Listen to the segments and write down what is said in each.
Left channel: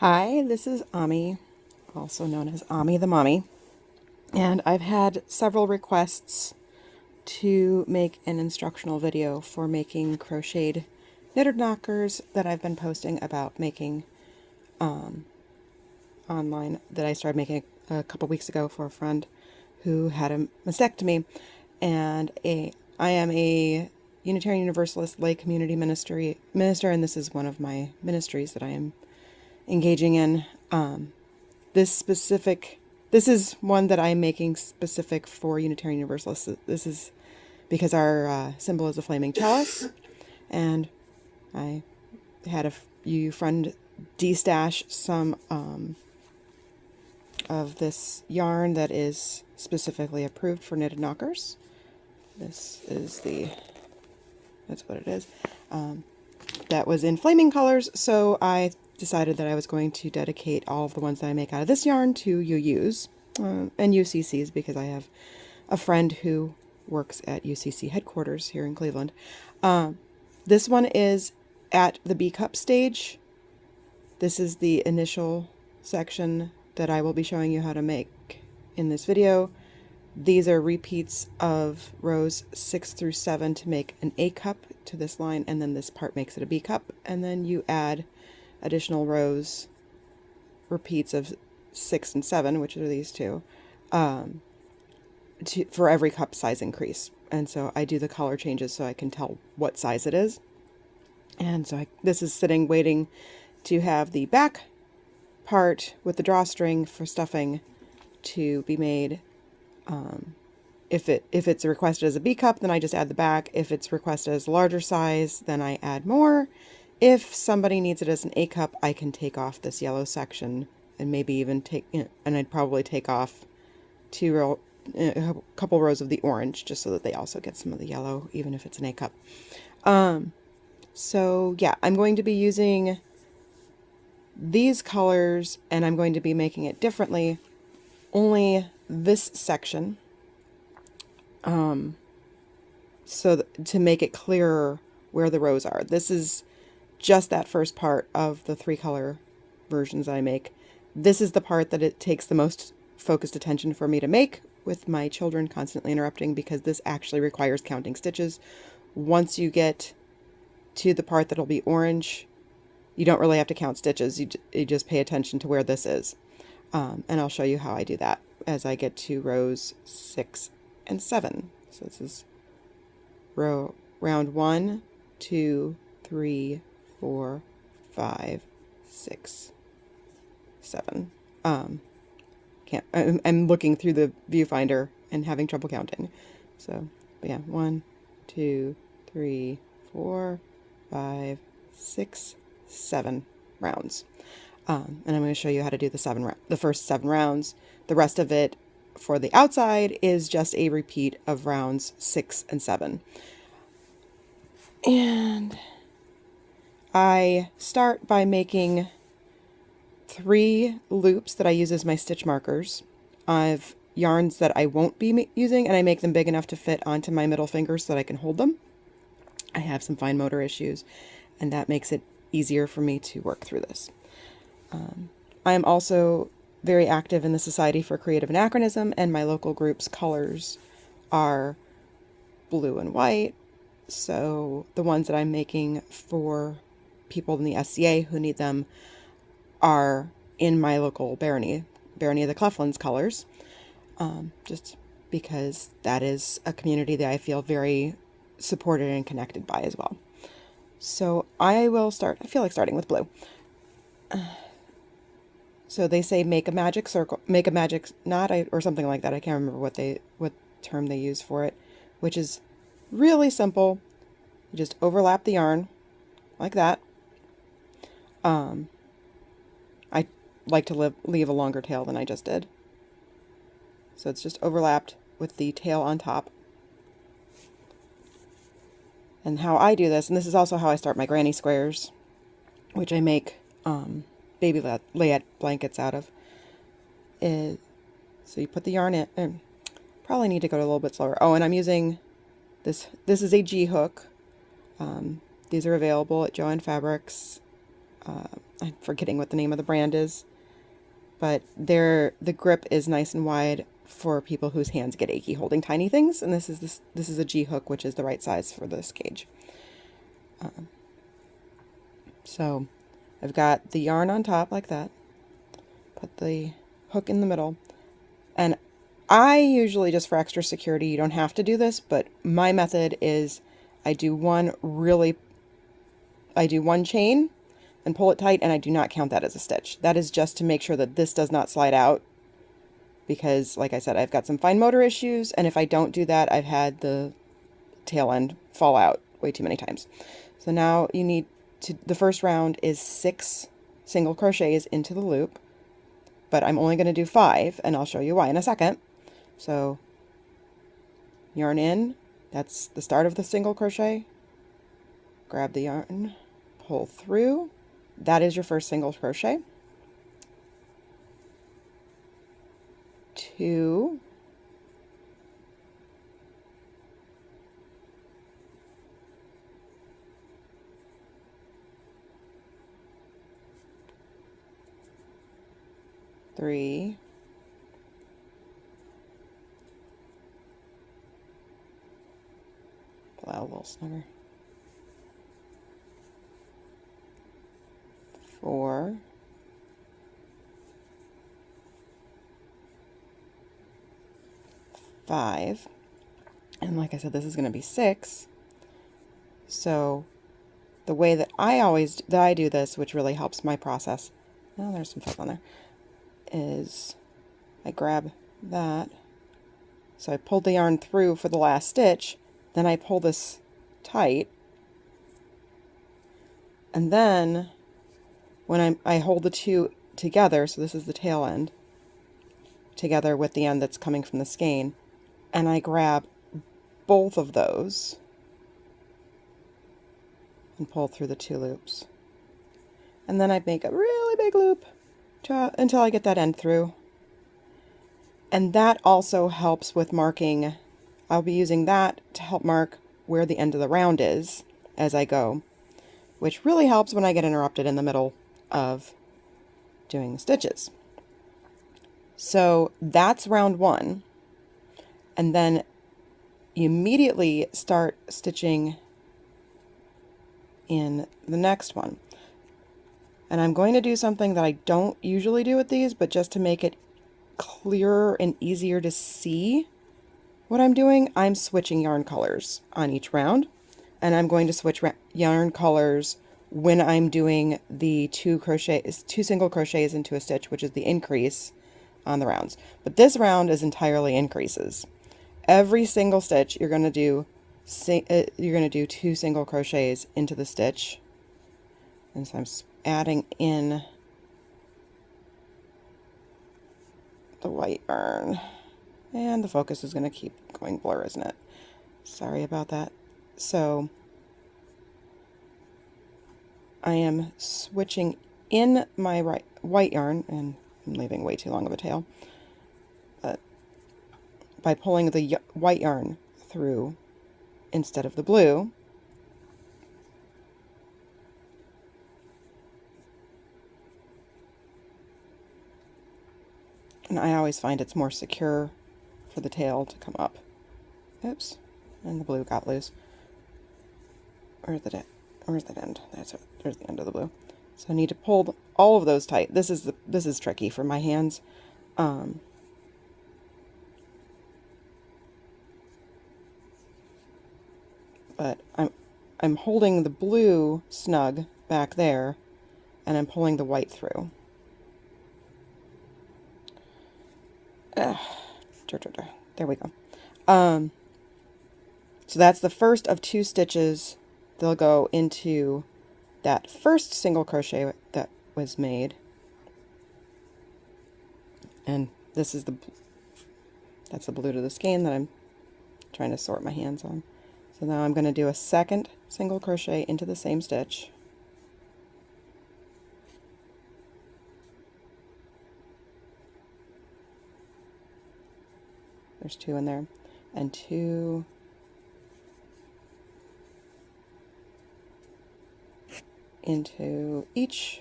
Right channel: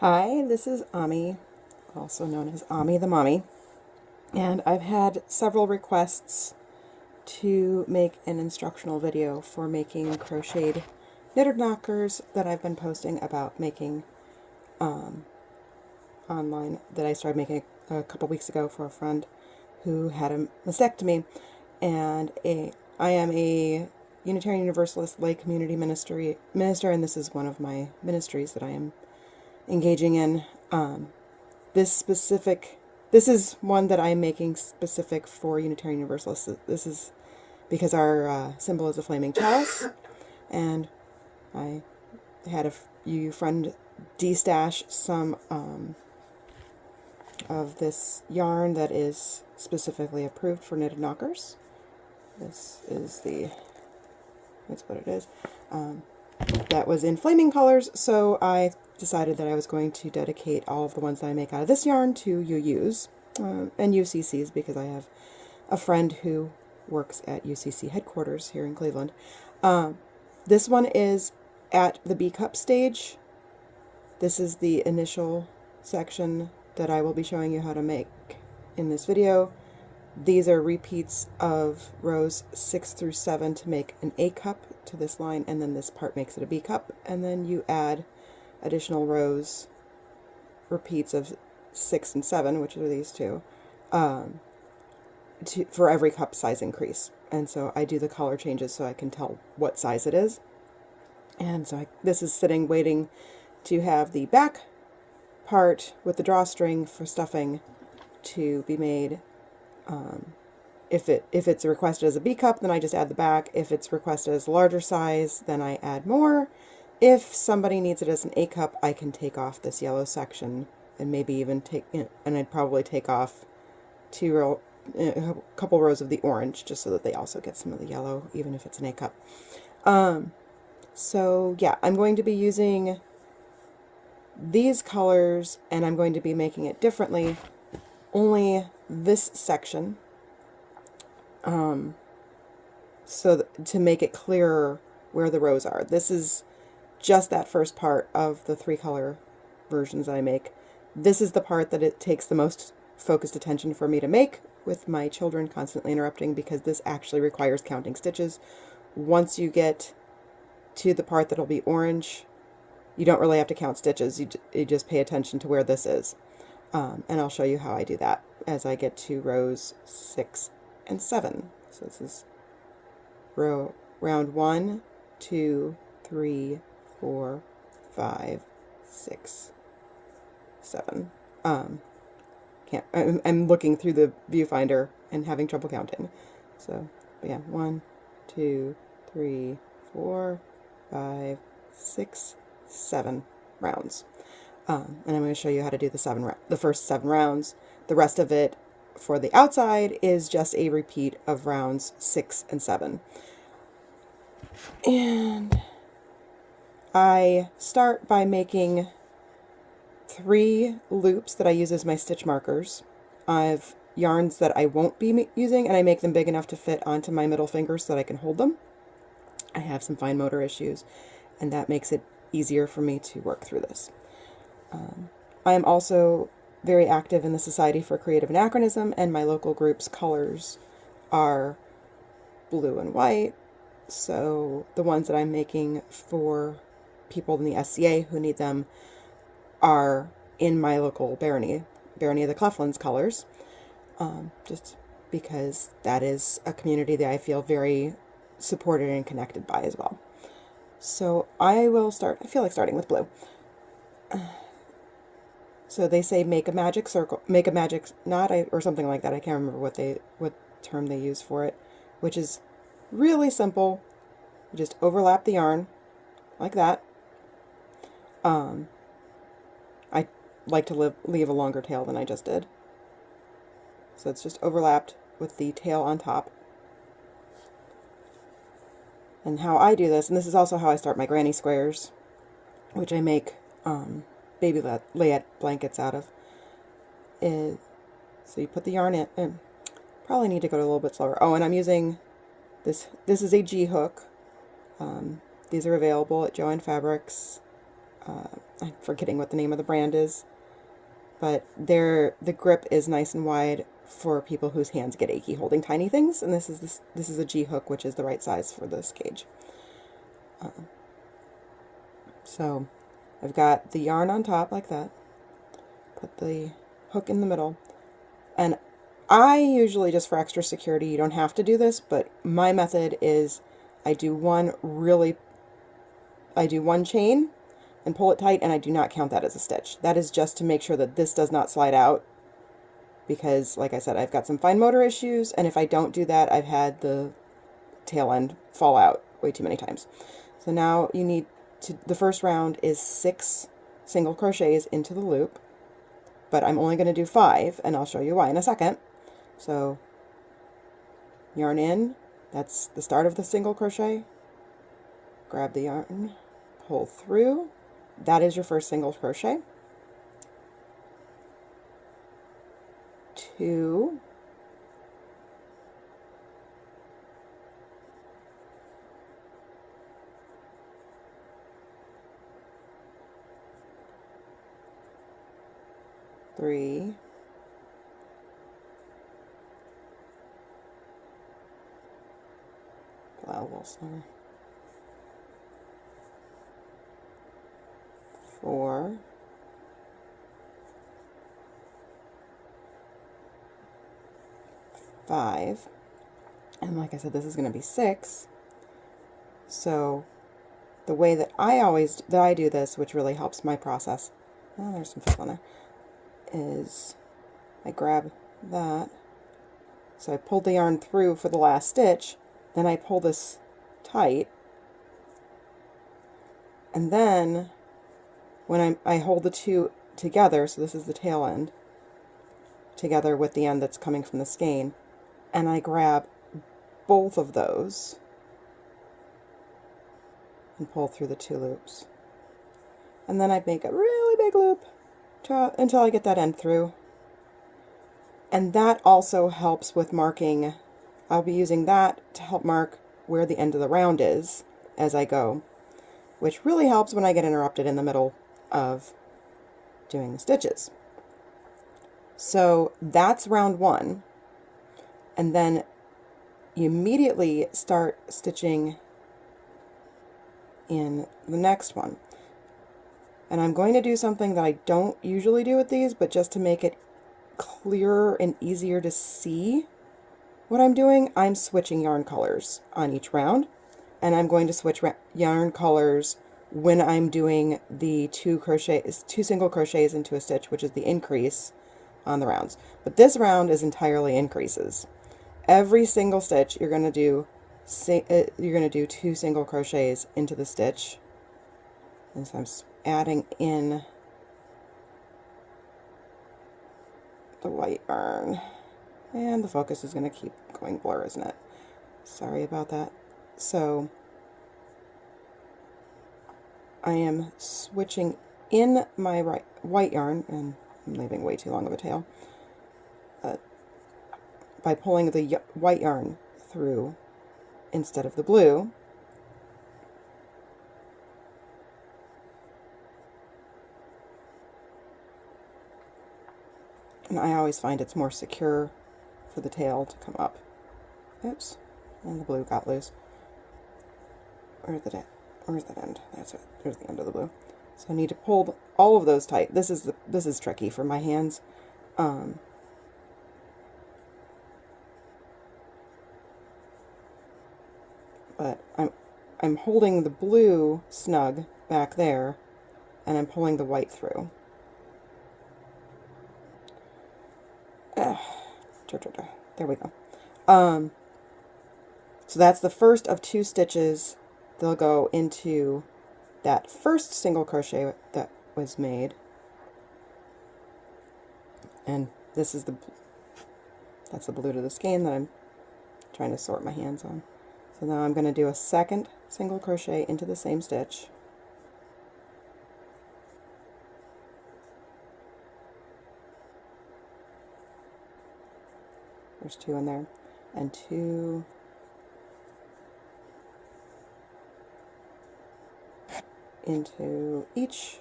Hi, this is Ahmie, also known as Ahmie the Mommy, and I've had several requests to make an instructional video for making crocheted knitted knockers that I've been posting about making online, that I started making a couple weeks ago for a friend who had a mastectomy, and I am a Unitarian Universalist lay community minister, and this is one of my ministries that I am engaging in. This is one that I'm making specific for Unitarian Universalists. This is because our symbol is a flaming chalice, and I had a friend destash some of this yarn that is specifically approved for knitted knockers. That's what it is. That was in flaming colors, so I decided that I was going to dedicate all of the ones that I make out of this yarn to UUs and UCCs, because I have a friend who works at UCC headquarters here in Cleveland. This one is at the B cup stage. This is the initial section that I will be showing you how to make in this video. These are repeats of rows 6 through 7 to make an A cup to this line, and then this part makes it a B cup, and then you add additional rows, repeats of 6 and 7, which are these two, for every cup size increase. And so I do the color changes so I can tell what size it is. And so this is sitting waiting to have the back part with the drawstring for stuffing to be made. If it's requested as a B cup, then I just add the back. If it's requested as a larger size, then I add more. If somebody needs it as an A cup, I can take off this yellow section and maybe even and I'd probably take off a couple rows of the orange, just so that they also get some of the yellow, even if it's an A cup. So yeah, I'm going to be using these colors, and I'm going to be making it differently. Only this section, to make it clearer where the rows are. This is just that first part of the 3-color versions I make. This is the part that it takes the most focused attention for me to make, with my children constantly interrupting, because this actually requires counting stitches. Once you get to the part that'll be orange, you don't really have to count stitches. You just pay attention to where this is. And I'll show you how I do that as I get to rows 6 and 7. So this is round 1, 2, 3, 4, 5, 6, 7. I'm looking through the viewfinder and having trouble counting. So, but yeah, 1, 2, 3, 4, 5, 6, 7 rounds. And I'm going to show you how to do the first 7 rounds. The rest of it for the outside is just a repeat of rounds 6 and 7. And I start by making 3 loops that I use as my stitch markers. I have yarns that I won't be using, and I make them big enough to fit onto my middle finger so that I can hold them. I have some fine motor issues, and that makes it easier for me to work through this. I am also very active in the Society for Creative Anachronism, and my local group's colors are blue and white. So the ones that I'm making for people in the SCA who need them are in my local Barony of the Cleflands colors, just because that is a community that I feel very supported and connected by as well. So I feel like starting with blue. So they say make a magic circle, make a magic knot, or something like that. I can't remember what term they use for it, which is really simple. You just overlap the yarn like that. I like to leave a longer tail than I just did. So it's just overlapped with the tail on top. And how I do this, and this is also how I start my granny squares, which I make baby layette blankets out of, is, so you put the yarn in, probably need to go a little bit slower. Oh, and I'm using this is a G hook. These are available at Joann Fabrics. I'm forgetting what the name of the brand is, but the grip is nice and wide for people whose hands get achy holding tiny things, and this is a G hook, which is the right size for this gauge. So I've got the yarn on top like that, put the hook in the middle, and I usually, just for extra security, you don't have to do this, but my method is I do one chain and pull it tight, and I do not count that as a stitch. That is just to make sure that this does not slide out, because like I said, I've got some fine motor issues, and if I don't do that, I've had the tail end fall out way too many times. So now you need to, the first round is 6 single crochets into the loop, but I'm only going to do 5, and I'll show you why in a second. So yarn in, that's the start of the single crochet, grab the yarn, pull through, that is your first single crochet, 2, 3, 4, 5, and like I said, this is going to be 6. So the way that I do this, which really helps my process, oh, there's some stuff on there, is I grab that. So I pulled the yarn through for the last stitch, then I pull this tight, and then when I hold the two together, so this is the tail end, together with the end that's coming from the skein, and I grab both of those and pull through the 2 loops. And then I make a really big loop until I get that end through. And that also helps with marking. I'll be using that to help mark where the end of the round is as I go, which really helps when I get interrupted in the middle of doing the stitches. So that's round 1. And then you immediately start stitching in the next one. And I'm going to do something that I don't usually do with these, but just to make it clearer and easier to see what I'm doing, I'm switching yarn colors on each round, and I'm going to switch yarn colors when I'm doing the 2 single crochets into a stitch, which is the increase on the rounds. But this round is entirely increases. Every single stitch you're going to do 2 single crochets into the stitch, and so I'm adding in the white yarn, and the focus is going to keep going blur, isn't it? Sorry about that. So I am switching in my white yarn, and I'm leaving way too long of a tail, by pulling the white yarn through instead of the blue. And I always find it's more secure for the tail to come up. Oops, and the blue got loose. Where's that end? There's the end of the blue. So I need to pull all of those tight. This is tricky for my hands. But I'm holding the blue snug back there, and I'm pulling the white through. There we go. So that's the first of 2 stitches. They'll go into that first single crochet that was made, and that's the blue to the skein that I'm trying to sort my hands on. So now I'm going to do a second single crochet into the same stitch. There's 2 in there, and 2 into each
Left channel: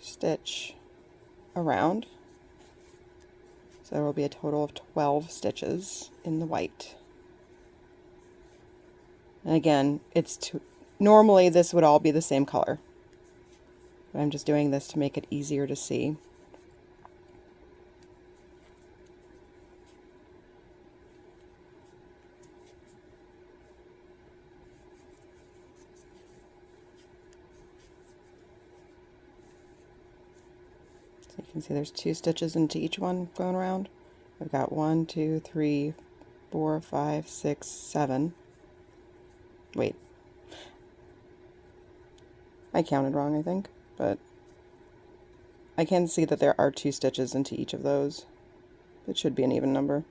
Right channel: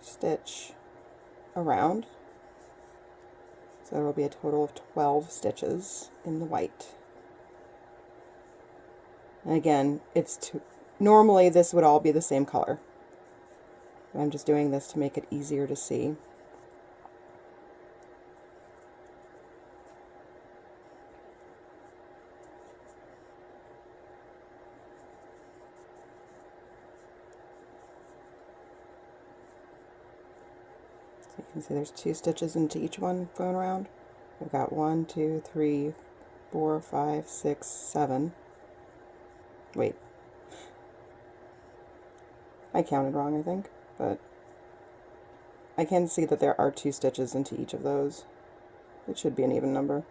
stitch around. So there will be a total of 12 stitches in the white. And again, normally this would all be the same color. But I'm just doing this to make it easier to see. So you can see there's 2 stitches into each one going around. I've got 1, 2, 3, 4, 5, 6, 7. Wait. I counted wrong, I think, but I can see that there are 2 stitches into each of those. It should be an even number.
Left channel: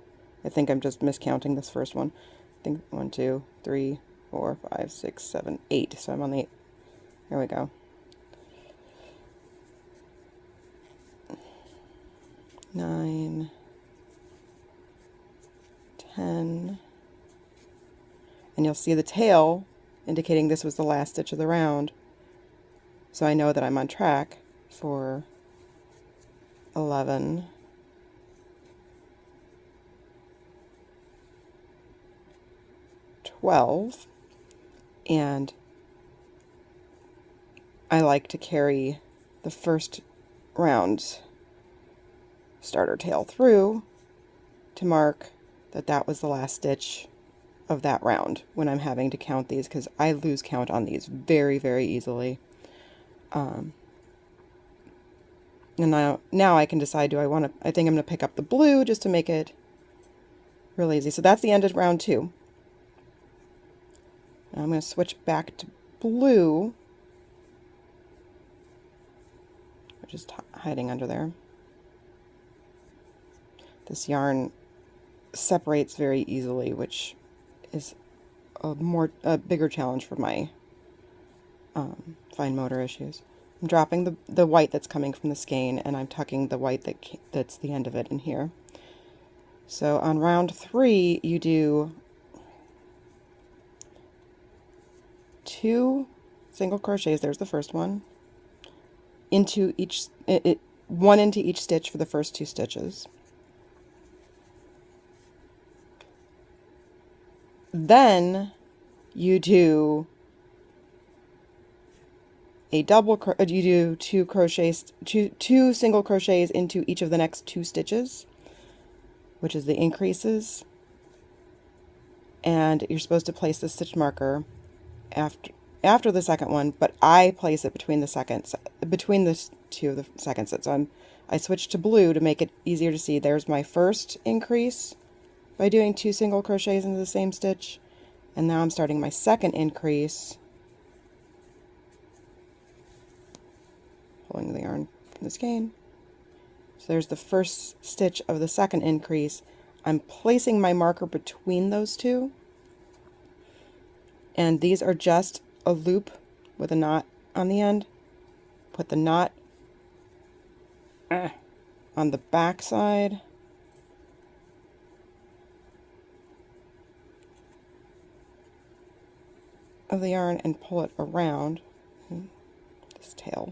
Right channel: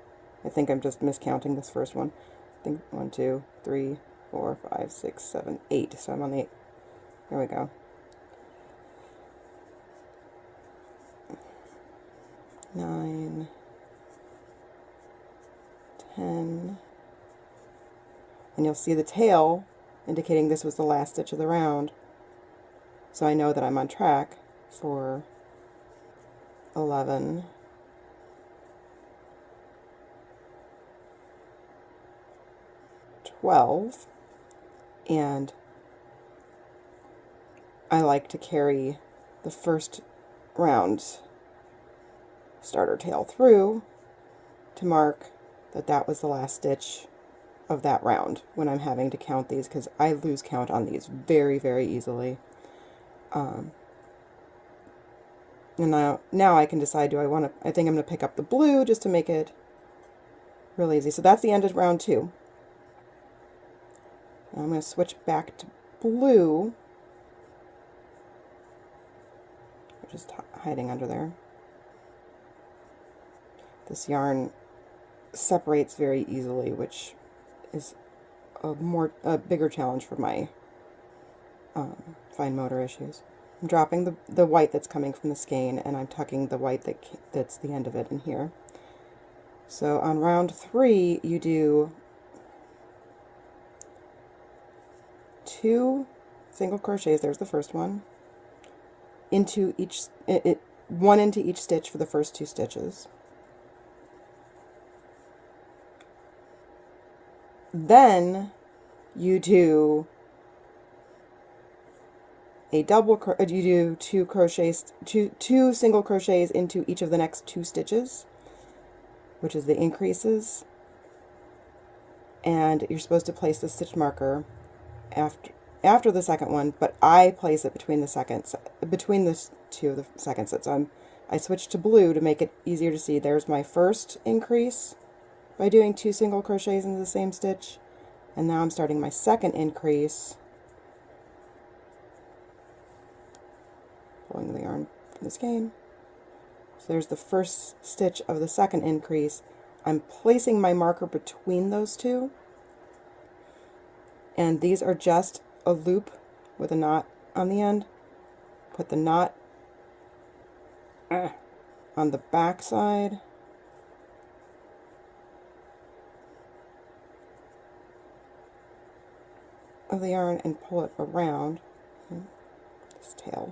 I think I'm just miscounting this first one. I think 1, 2, 3, 4, 5, 6, 7, 8. So I'm on the 8. There we go. 9, 10, and you'll see the tail indicating this was the last stitch of the round, so I know that I'm on track for 11, 12, and I like to carry the first round's starter tail through to mark that that was the last stitch of that round when I'm having to count these, because I lose count on these very, very easily. And now I can decide, I think I'm going to pick up the blue just to make it real easy. So that's the end of round 2. And I'm going to switch back to blue, just hiding under there. This yarn separates very easily, which is a bigger challenge for my fine motor issues. I'm dropping the white that's coming from the skein, and I'm tucking the white that's the end of it in here. So on round 3, you do 2 single crochets. There's the first one. Into each, one into each stitch for the first 2 stitches. Then you do a you do 2 crochets, two single crochets into each of the next 2 stitches, which is the increases, and you're supposed to place the stitch marker after the second one, but I place it between the 2 of the second set. So I switched to blue to make it easier to see. There's my first increase by doing 2 single crochets into the same stitch, and now I'm starting my second increase, pulling the yarn from the skein. So there's the first stitch of the second increase. I'm placing my marker between those 2, and these are just a loop with a knot on the end. Put the knot on the back side, of the yarn and pull it around this tail.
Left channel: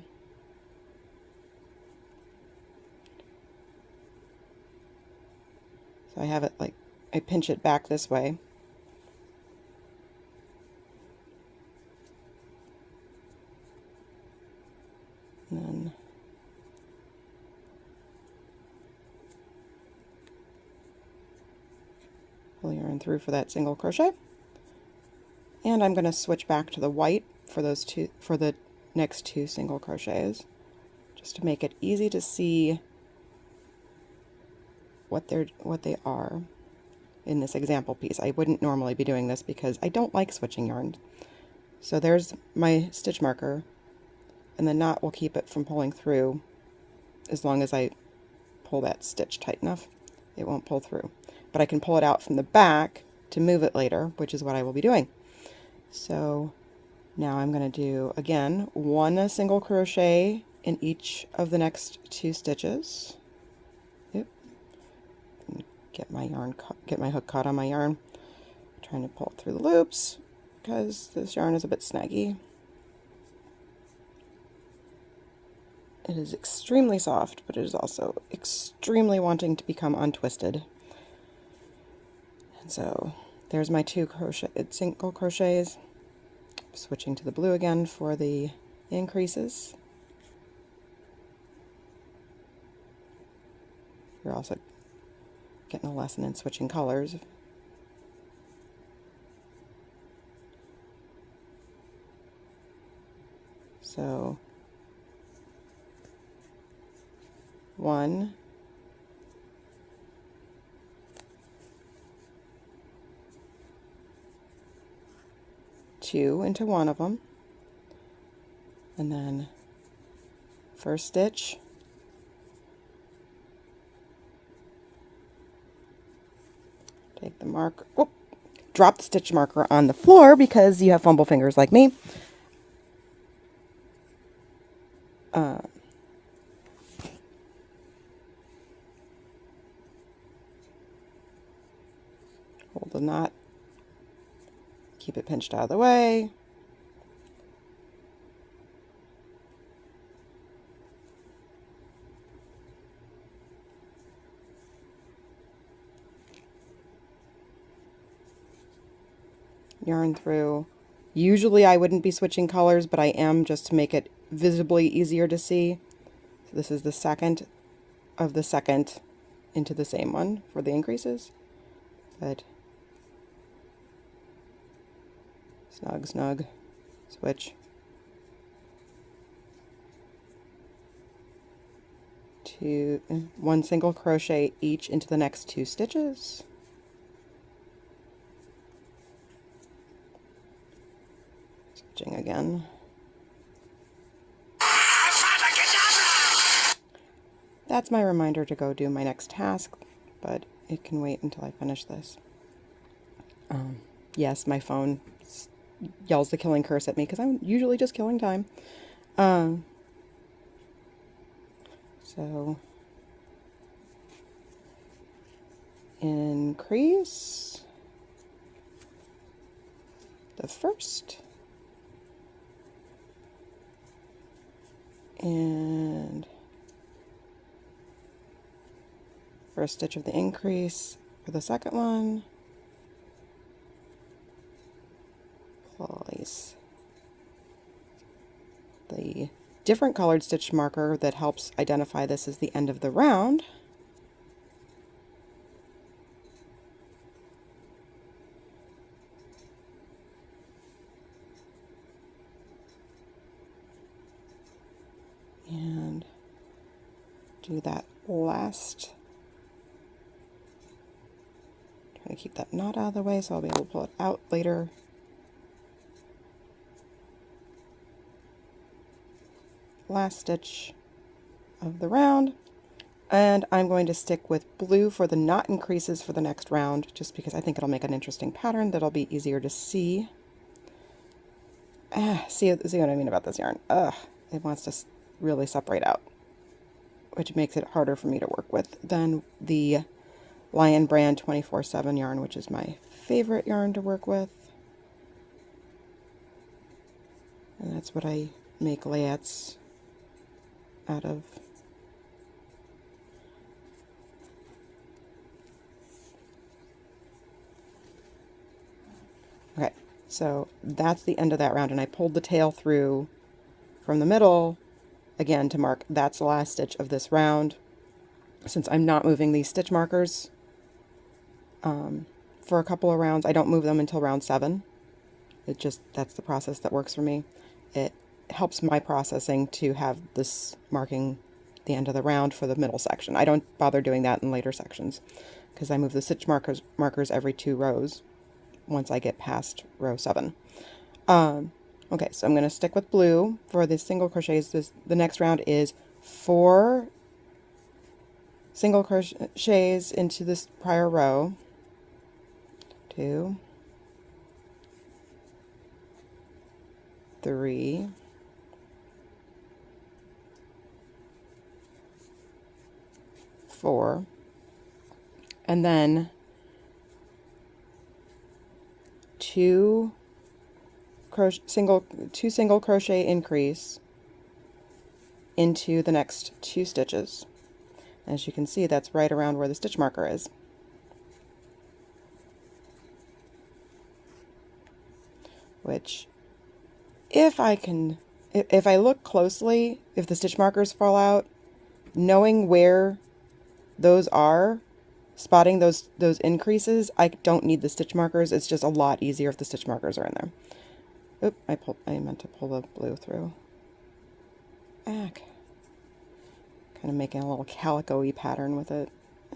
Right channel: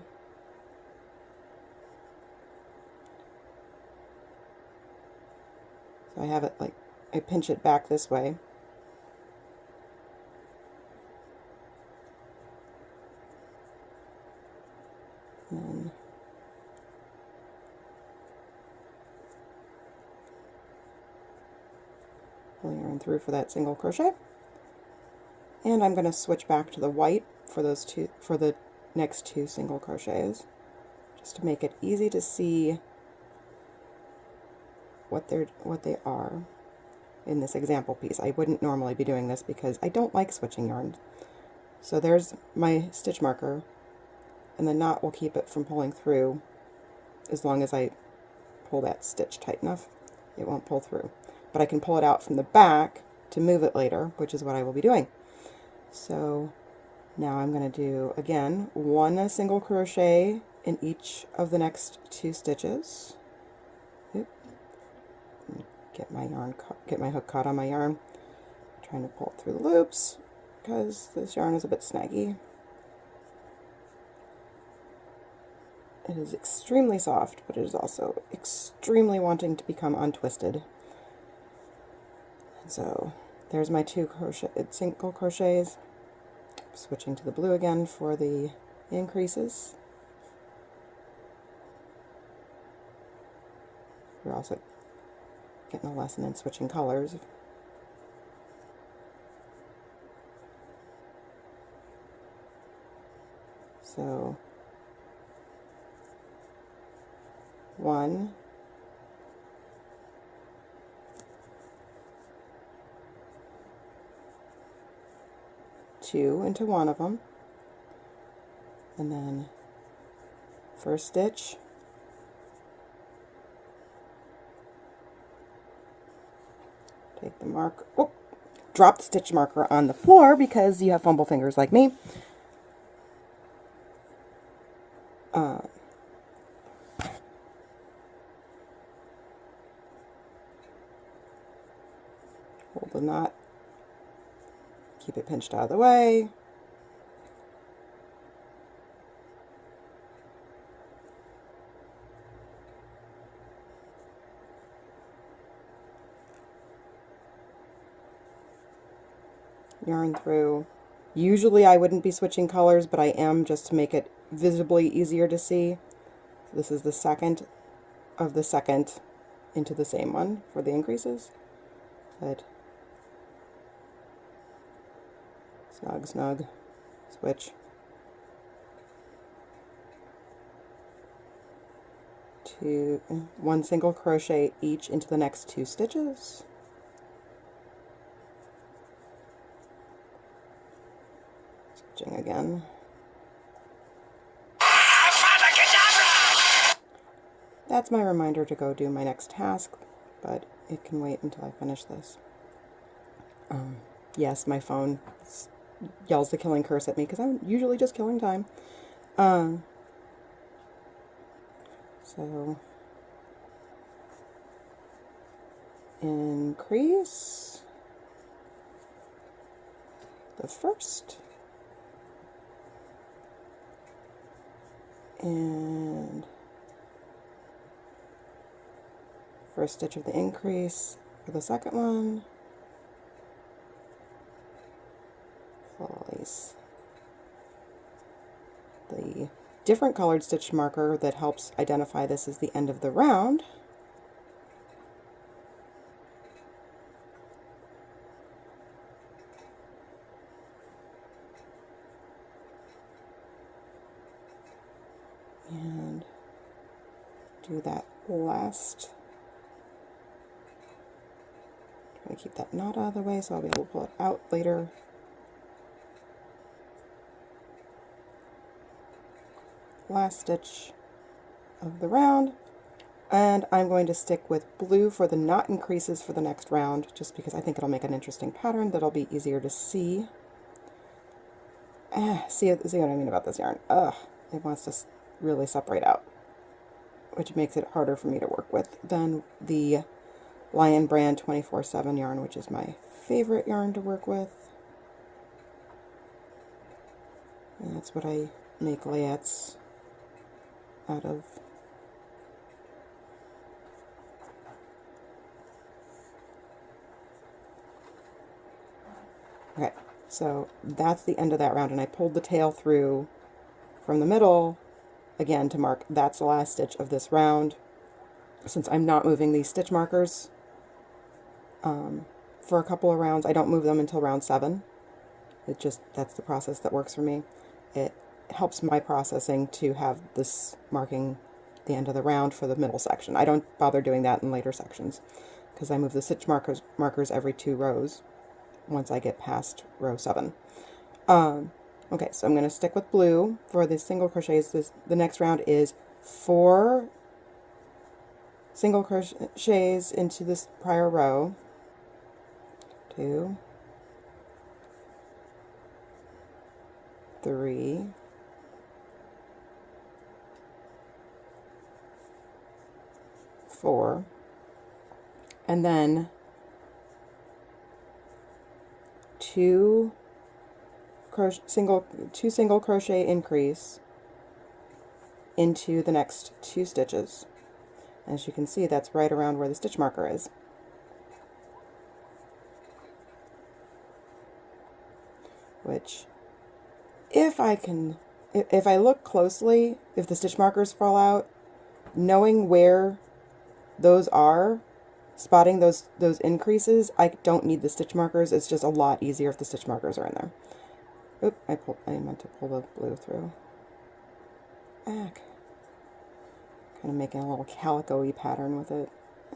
So I have it like, I pinch it back this way. And then pull yarn through for that single crochet. And I'm going to switch back to the white for the next 2 single crochets, just to make it easy to see what they are in this example piece. I wouldn't normally be doing this because I don't like switching yarn. So there's my stitch marker, and the knot will keep it from pulling through as long as I pull that stitch tight enough. It won't pull through, but I can pull it out from the back to move it later, which is what I will be doing. So now I'm going to do, again, 1 single crochet in each of the next 2 stitches. Yep. Get my hook caught on my yarn. I'm trying to pull through the loops because this yarn is a bit snaggy. It is extremely soft, but it is also extremely wanting to become untwisted. And so there's my two single crochets. Switching to the blue again for the increases. You're also getting a lesson in switching colors. So 1, 2 into one of them, and then first stitch, take the marker, drop the stitch marker on the floor because you have fumble fingers like me. Hold the knot, keep it pinched out of the way. Yarn through. Usually I wouldn't be switching colors, but I am just to make it visibly easier to see. So this is the second of the second into the same one for the increases. Good. Snug, snug, switch. 1 single crochet each into the next 2 stitches. Switching again. That's my reminder to go do my next task, but it can wait until I finish this. Yes, my phone yells the killing curse at me because I'm usually just killing time. So increase the first and first stitch of the increase for the second one. Place the different colored stitch marker that helps identify this as the end of the round. And do that last. Try to keep that knot out of the way so I'll be able to pull it out later. Last stitch of the round, and I'm going to stick with blue for the knot increases for the next round just because I think it'll make an interesting pattern that'll be easier to see. See what I mean about this yarn. It wants to really separate out, which makes it harder for me to work with than the Lion brand 24/7 yarn, which is my favorite yarn to work with. And that's what I make layouts out of. Okay, so that's the end of that round, and I pulled the tail through from the middle again to mark that's the last stitch of this round. Since I'm not moving these stitch markers for a couple of rounds, I don't move them until round 7. That's the process that works for me. It helps my processing to have this marking the end of the round for the middle section. I don't bother doing that in later sections because I move the stitch markers every 2 rows once I get past row 7. Okay, so I'm going to stick with blue for the single crochets. The next round is 4 single crochets into this prior row. 2, 3, 4, and then 2 single crochet increase into the next 2 stitches. As you can see, that's right around where the stitch marker is. Which, if I look closely, if the stitch markers fall out, knowing where those are, spotting those increases, I don't need the stitch markers. It's just a lot easier if the stitch markers are in there. Oop, I meant to pull the blue through. Kind of making a little calico-y pattern with it.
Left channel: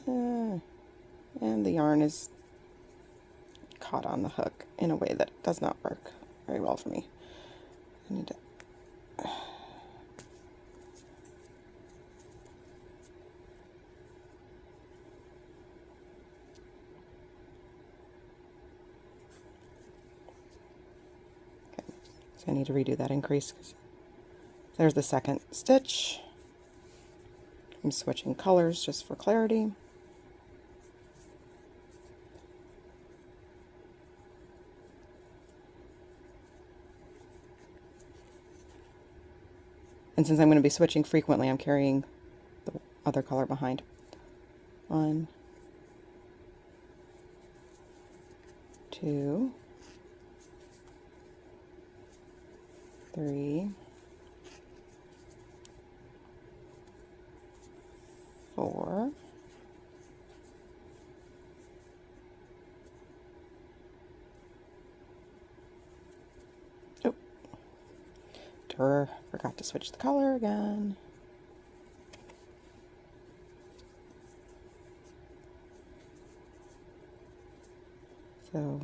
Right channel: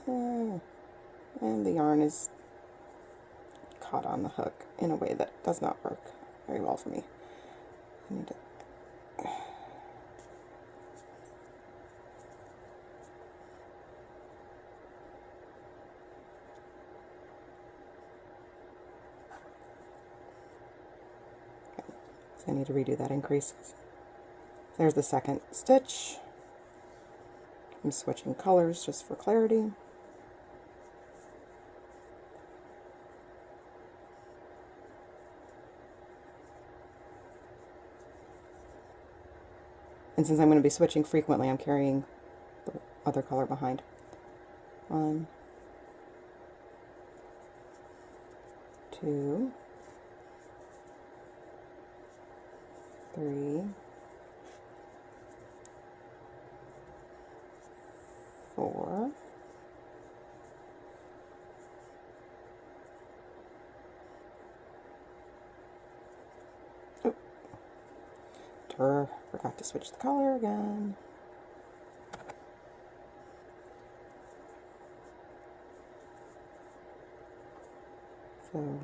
And the yarn is caught on the hook in a way that does not work very well for me. I need to... So I need to redo that increase. There's the second stitch. I'm switching colors just for clarity. And since I'm going to be switching frequently, I'm carrying the other color behind. 1, 2, 3, 4, 5, forgot to switch the color again. So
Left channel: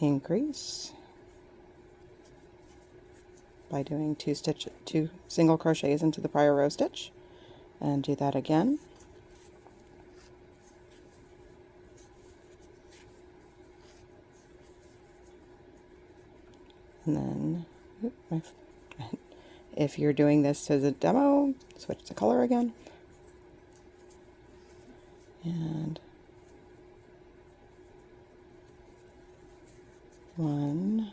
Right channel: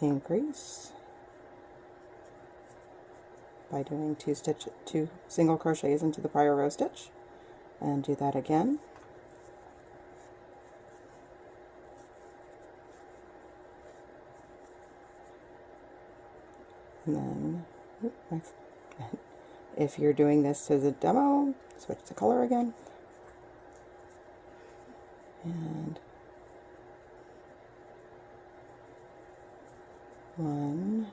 increase by doing 2 single crochets into the prior row stitch, and do that again. And then, if you're doing this as a demo, switch the color again. And 1,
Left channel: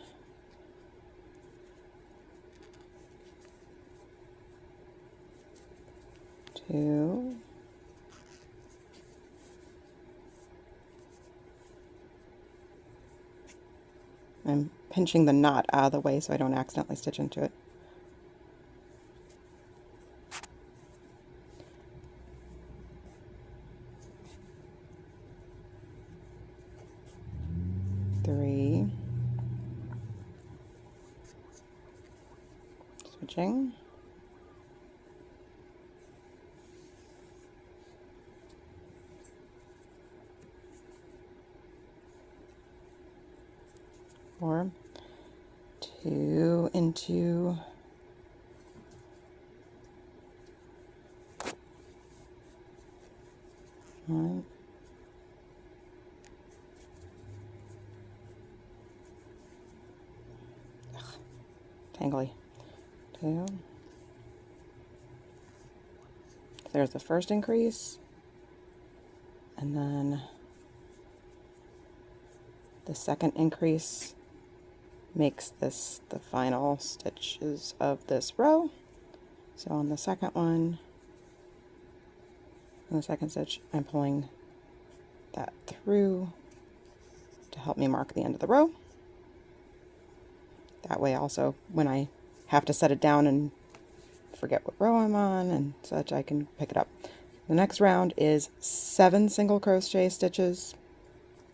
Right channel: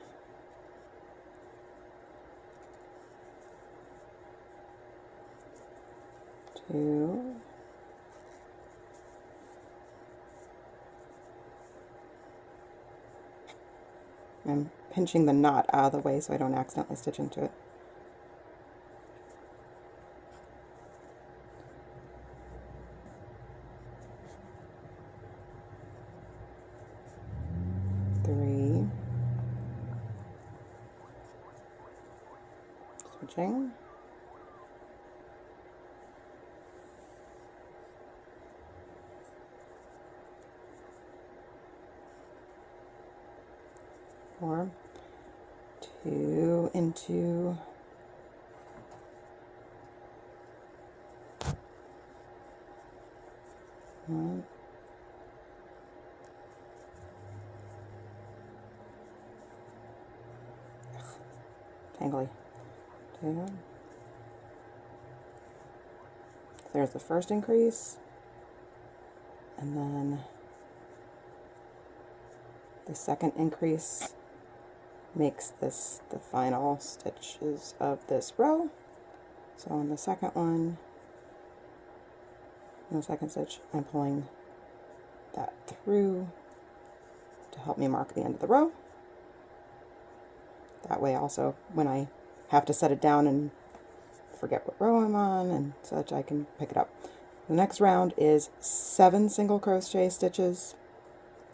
2, 3. I'm pinching the knot out of the way so I don't accidentally stitch into it. 3, switching, 4, 2 into 1, tangly, 2. There's the first increase, and then the second increase makes this the final stitches of this row. So on the second one, in the second stitch, I'm pulling that through to help me mark the end of the row. That way also, when I have to set it down and forget what row I'm on and such, I can pick it up. The next round is 7 single crochet stitches,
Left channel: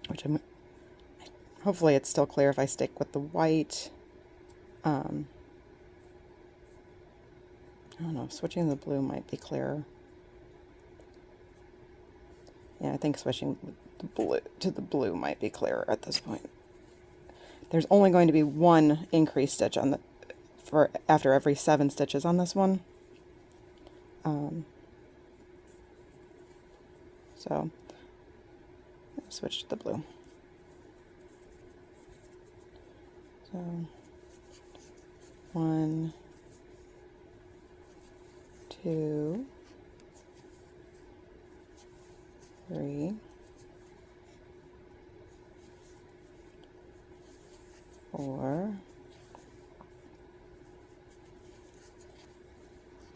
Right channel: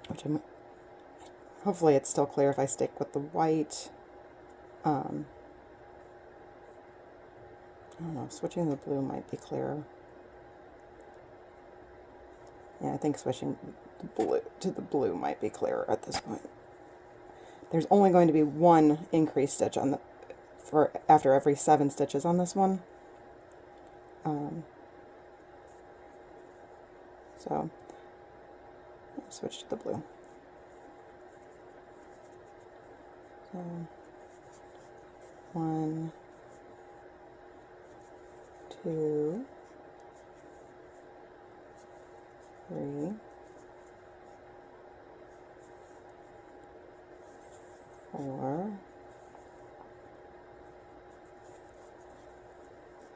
which I'm hopefully it's still clear if I stick with the white. I don't know, switching the blue might be clearer. Yeah, I think switching the blue to the blue might be clearer at this point. There's only going to be 1 increase stitch on the after every 7 stitches on this one. So switch to the blue. So 1, 2, 3, 4, 4,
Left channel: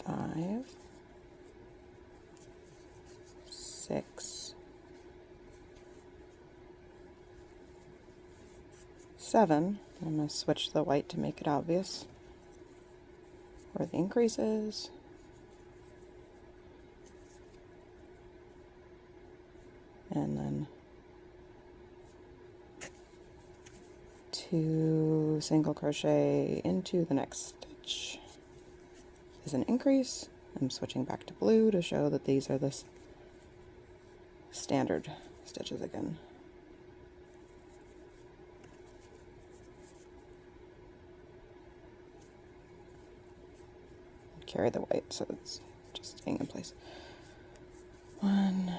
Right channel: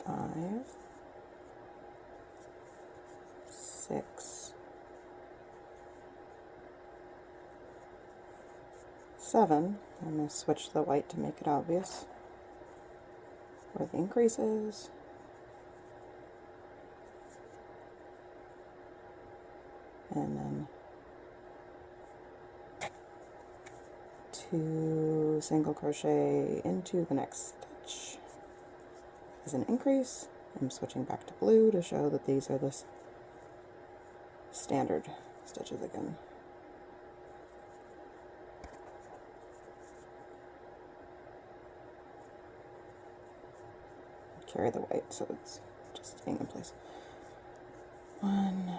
5, 6, 7. I'm going to switch the white to make it obvious where the increase is. And then 2 single crochet into the next stitch as an increase. I'm switching back to blue to show that these are the standard stitches again. Carry the white so it's just staying in place. 1,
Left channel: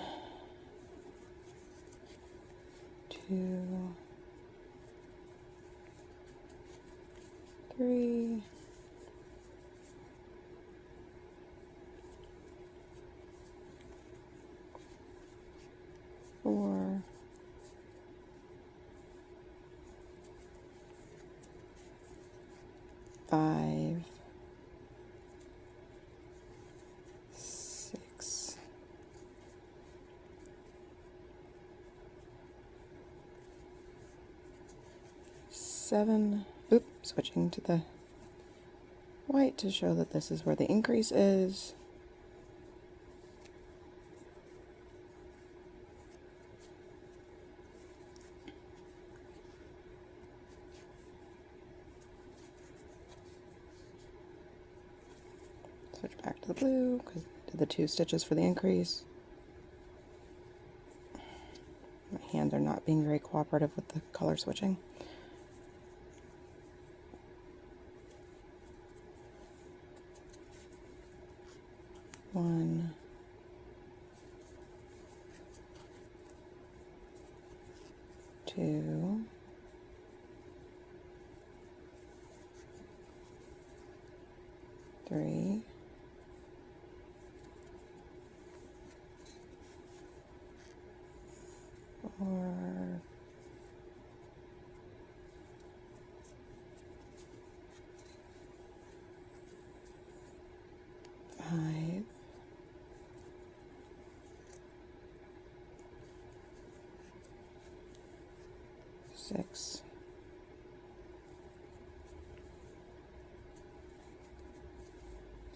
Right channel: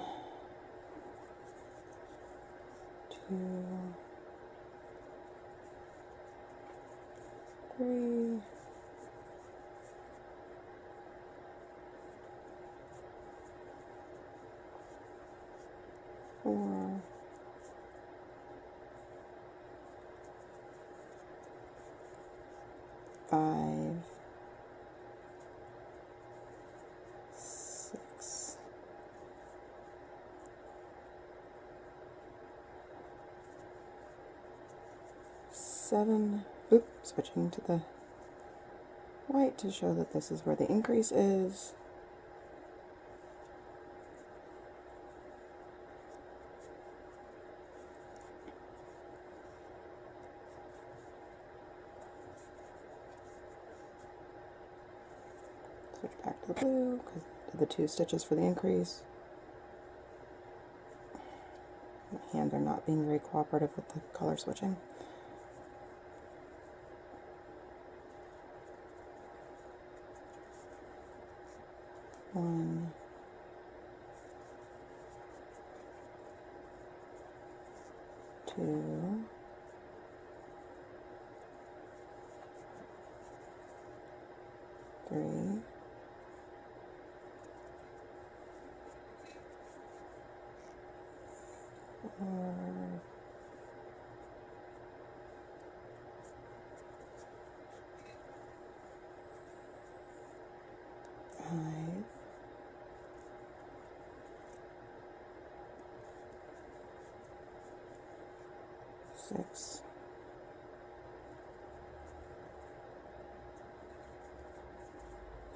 2, 3, 4, 5, 6, 7. Oop, switching to the white to show that this is where the increase is. Switch back to the blue because I did the 2 stitches for the increase. My hands are not being very cooperative with the color switching. One, 2, 3, 4, 5, 6,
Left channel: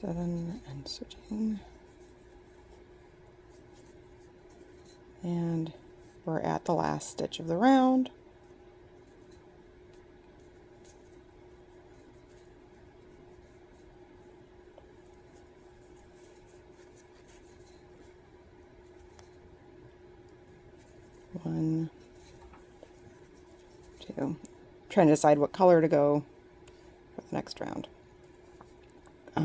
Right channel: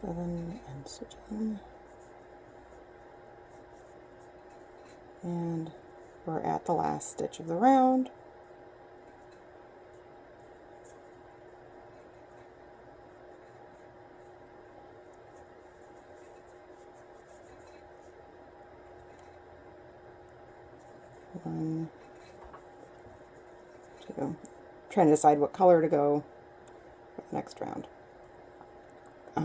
7, and switching. And we're at the last stitch of the round. One, 2. Trying to decide what color to go for the next round. I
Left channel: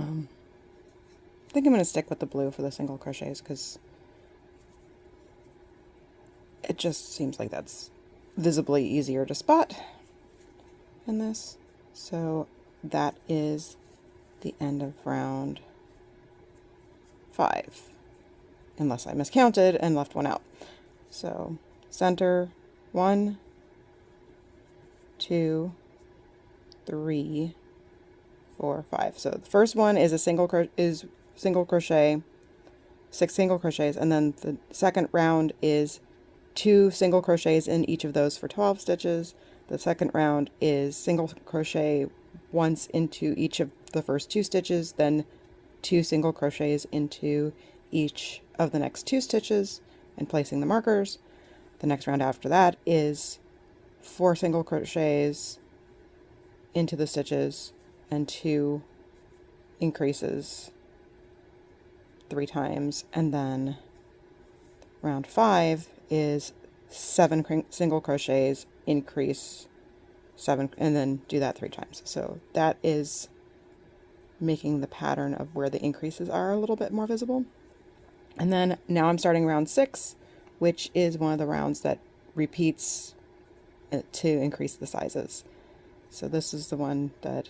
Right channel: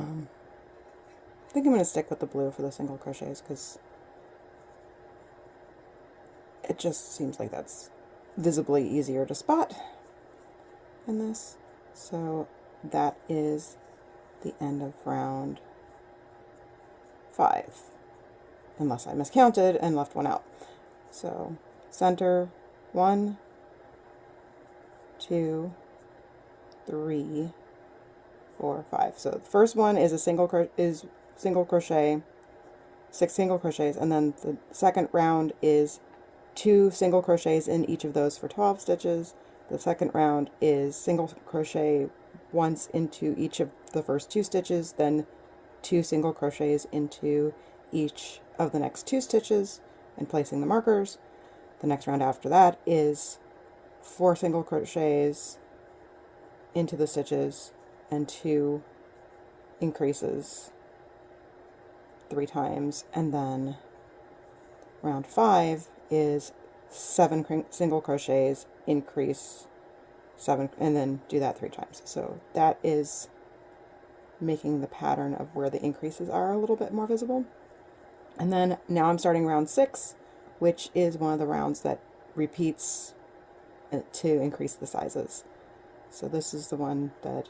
think I'm going to stick with the blue for the single crochets because it just seems like that's visibly easier to spot in this. So that is the end of round 5, unless I miscounted and left one out. So center 1, 2, 3, 4, 5. So the first one is a single crochet, 6 single crochets, and then the second round is 2 single crochets in each of those for 12 stitches. The second round is single crochet once into each of the first 2 stitches, then 2 single crochets into each of the next 2 stitches and placing the markers. The next round after that is 4 single crochets into the stitches and 2 increases 3 times, and then round 5 is 7 single crochets, increase 7, and then do that 3 times. So that is making the pattern of where the increases are a little bit more visible. And then now I'm starting round 6, which is one of the rounds that repeats to increase the sizes. So this is the one that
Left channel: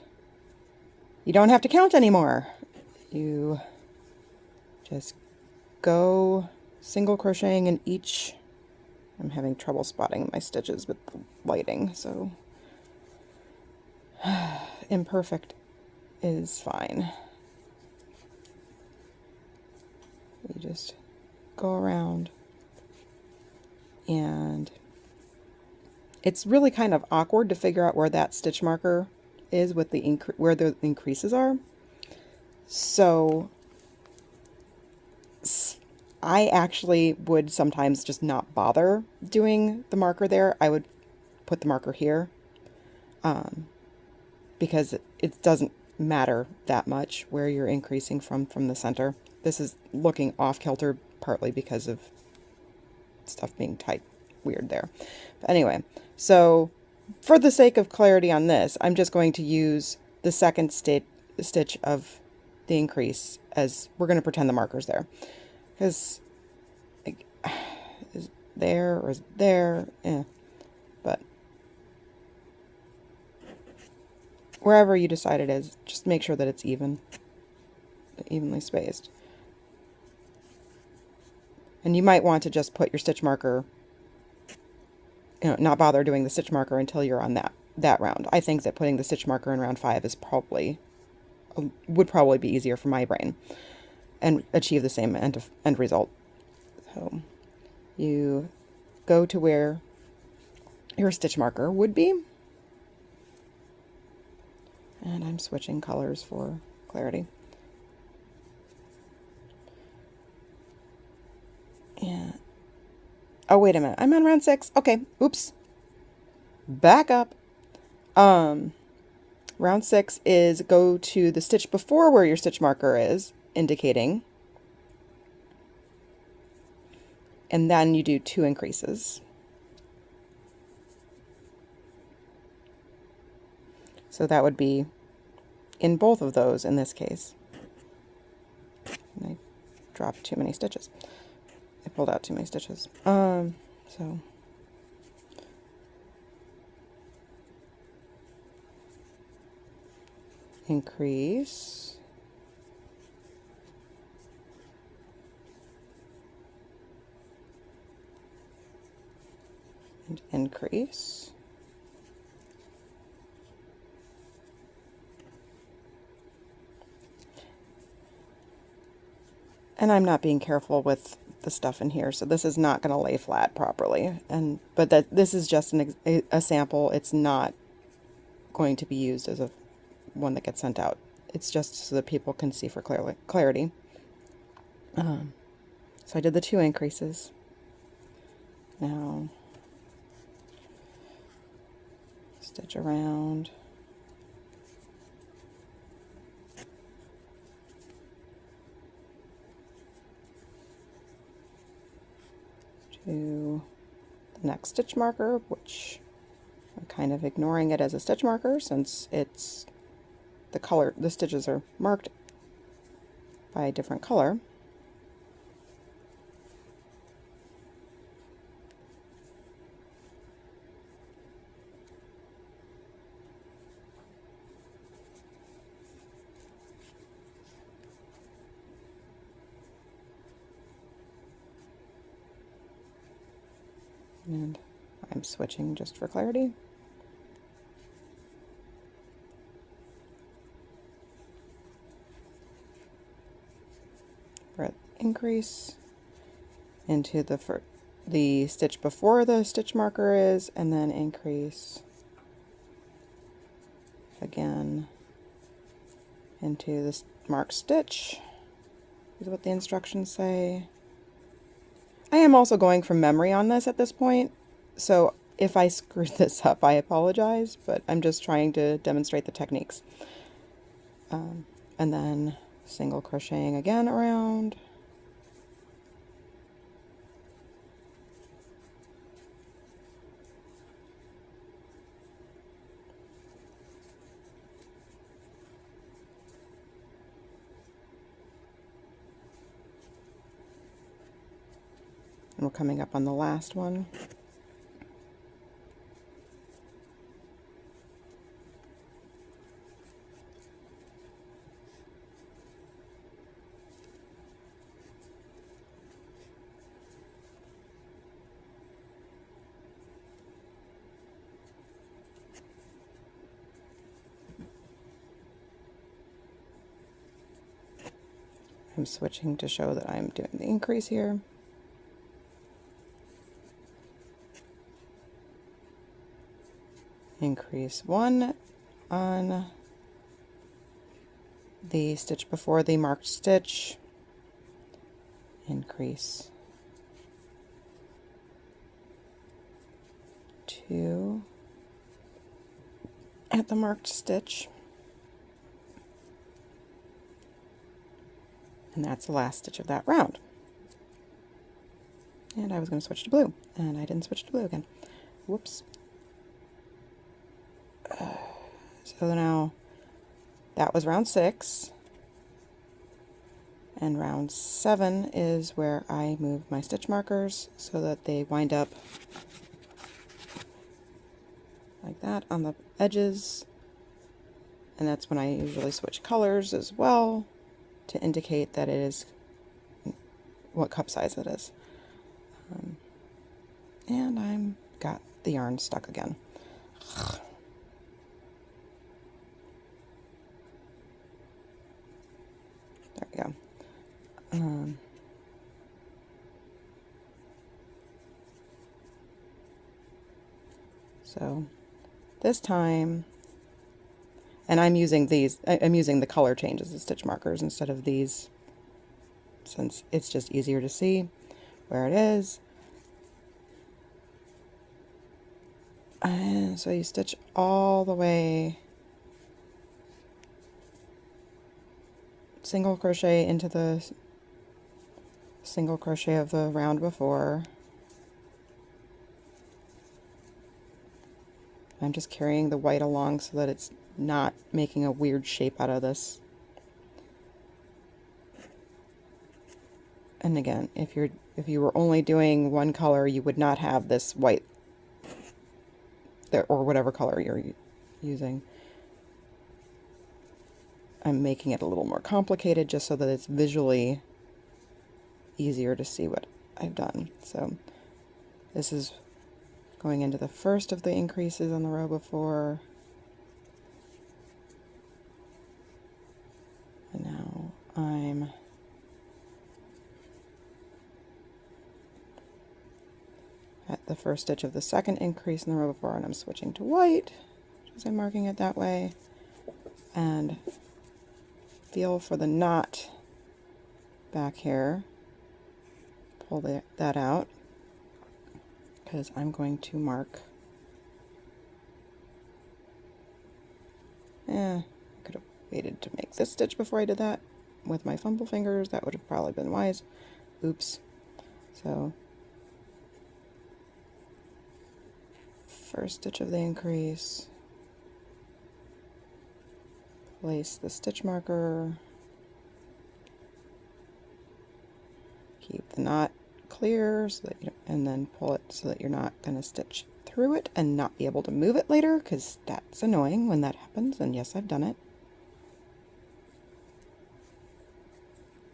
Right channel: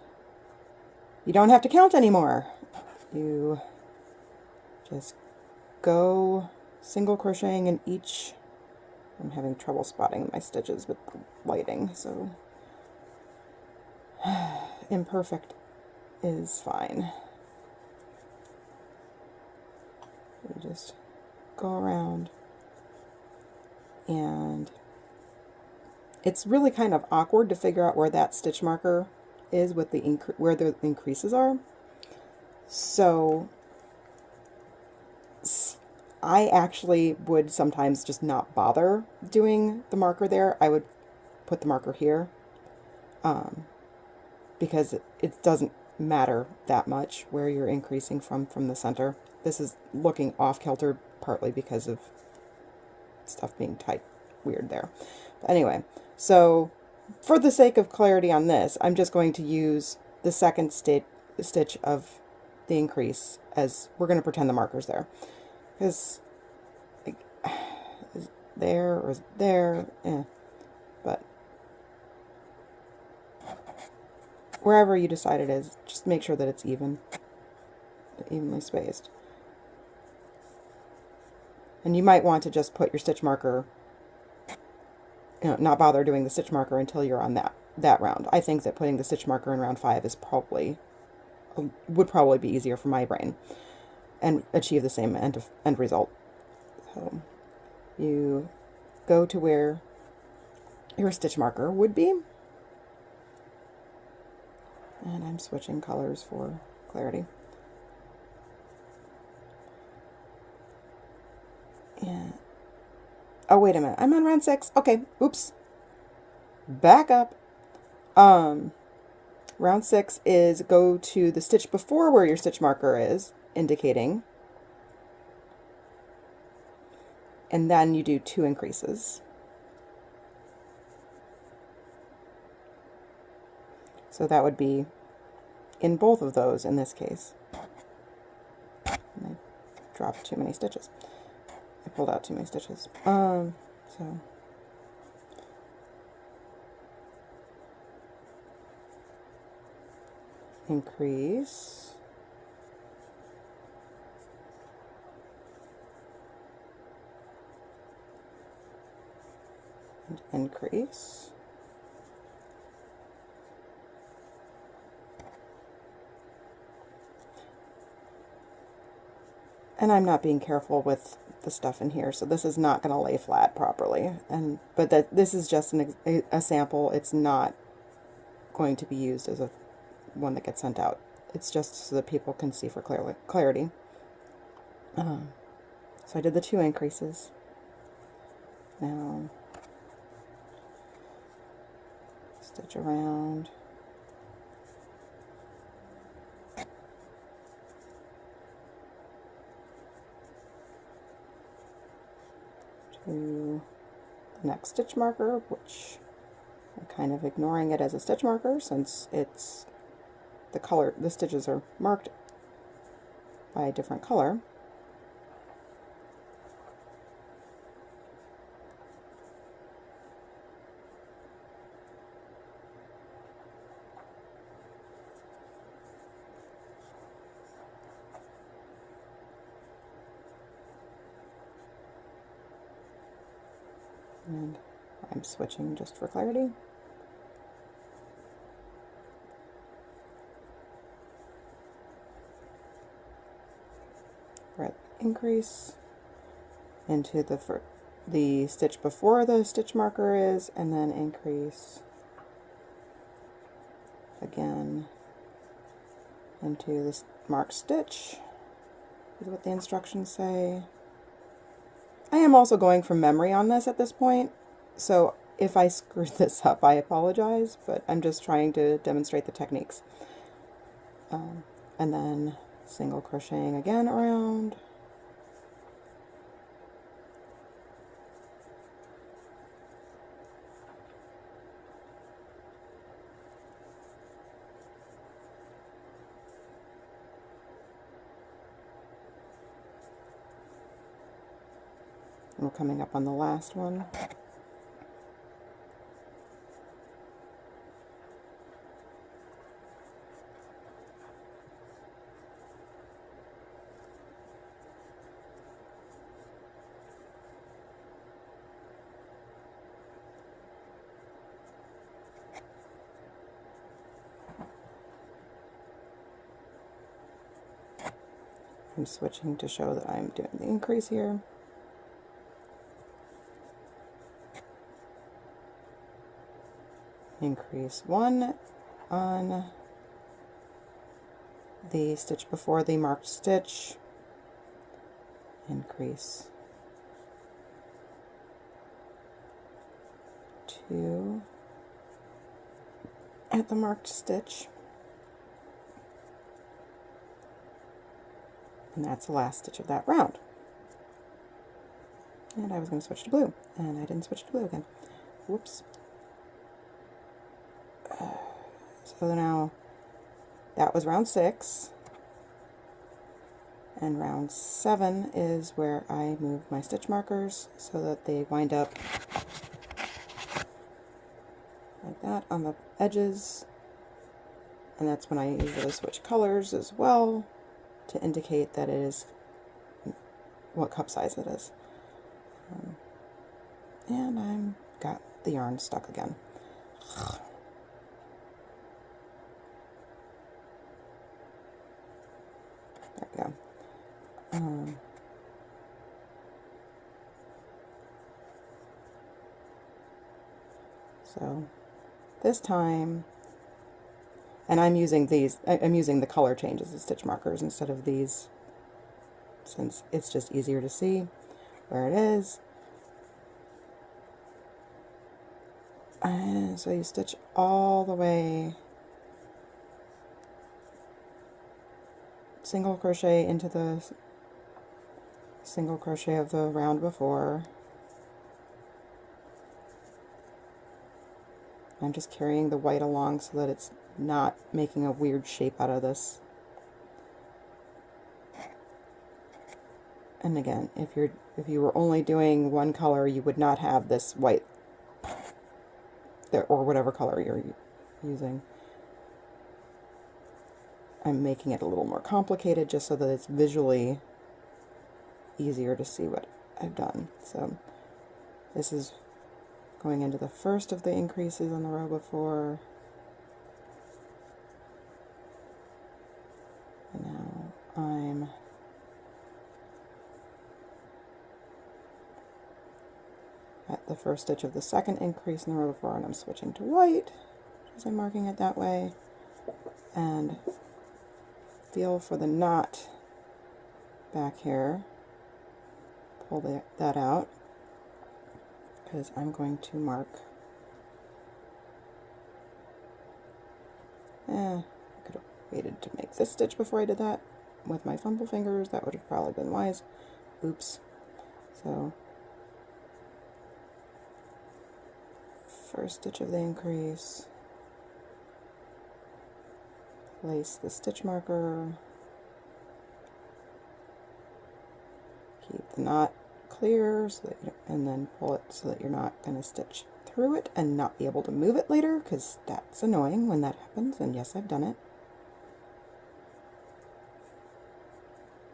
you don't have to count anymore. You just go single crocheting in each. I'm having trouble spotting my stitches with the lighting, so Imperfect is fine. You just go around, and it's really kind of awkward to figure out where that stitch marker is with the where the increases are. So I actually would sometimes just not bother doing the marker there. I would put the marker here, because it doesn't matter that much where you're increasing from the center. This is looking off kilter partly because of stuff being typed weird there. But anyway, so for the sake of clarity on this, I'm just going to use the second stitch of the increase as we're going to pretend the marker's there. Because is there or is there? But wherever you decide it is, just make sure that it's evenly spaced. And you might want to just put your stitch marker, not bother doing the stitch marker until you're on that round. I think that putting the stitch marker in round 5 is would probably be easier for my brain and achieve the same end result. So you go to where your stitch marker would be, and I'm switching colors for clarity. Yeah. Oh, wait a minute. I'm on round 6. Okay. Oops. Back up. Round 6 is go to the stitch before where your stitch marker is indicating, and then you do 2 increases. So that would be in both of those in this case. And I dropped too many stitches. I pulled out too many stitches. So increase, and increase, and I'm not being careful with the stuff in here, so this is not going to lay flat properly, but this is just a sample. It's not going to be used as one that gets sent out. It's just so that people can see for clarity. So I did the 2 increases. Now stitch around. To the next stitch marker, which I'm kind of ignoring it as a stitch marker since it's the stitches are marked by a different color. And I'm switching just for clarity. We're at increase into the stitch before the stitch marker is, and then increase again into this marked stitch is what the instructions say. I am also going from memory on this at this point, so if I screwed this up, I apologize, but I'm just trying to demonstrate the techniques. And then single crocheting again around. And we're coming up on the last one. I'm switching to show that I'm doing the increase here. Increase 1 on the stitch before the marked stitch, increase 2 at the marked stitch, and that's the last stitch of that round. And I was going to switch to blue, and I didn't switch to blue again. Whoops. So now that was round 6, and round 7 is where I move my stitch markers so that they wind up like that on the edges, and that's when I usually switch colors as well to indicate that it is what cup size it is. And I'm got the yarn stuck again. There we go. So this time, and I'm using these, I'm using the color changes as stitch markers instead of these, since it's just easier to see where it is. And so you stitch all the way, single crochet into the single crochet of the round before. I'm just carrying the white along so that it's not making a weird shape out of this. And again, if you were only doing one color, you would not have this white there, or whatever color you're using. I'm making it a little more complicated just so that it's visually easier to see what I've done. So this is going into the first of the increases on the row before. And now I'm at the first stitch of the second increase in the row before, and I'm switching to white as I'm marking it that way. And feel for the knot back here. Pull that out, because I'm going to mark. I could have waited to make this stitch before I did that with my fumble fingers. That would have probably been wise. Oops. So first stitch of the increase, place the stitch marker, keep the knot clear so that and then pull it so that you're not going to stitch through it and not be able to move it later, because that's annoying when that happens, and yes, I've done it.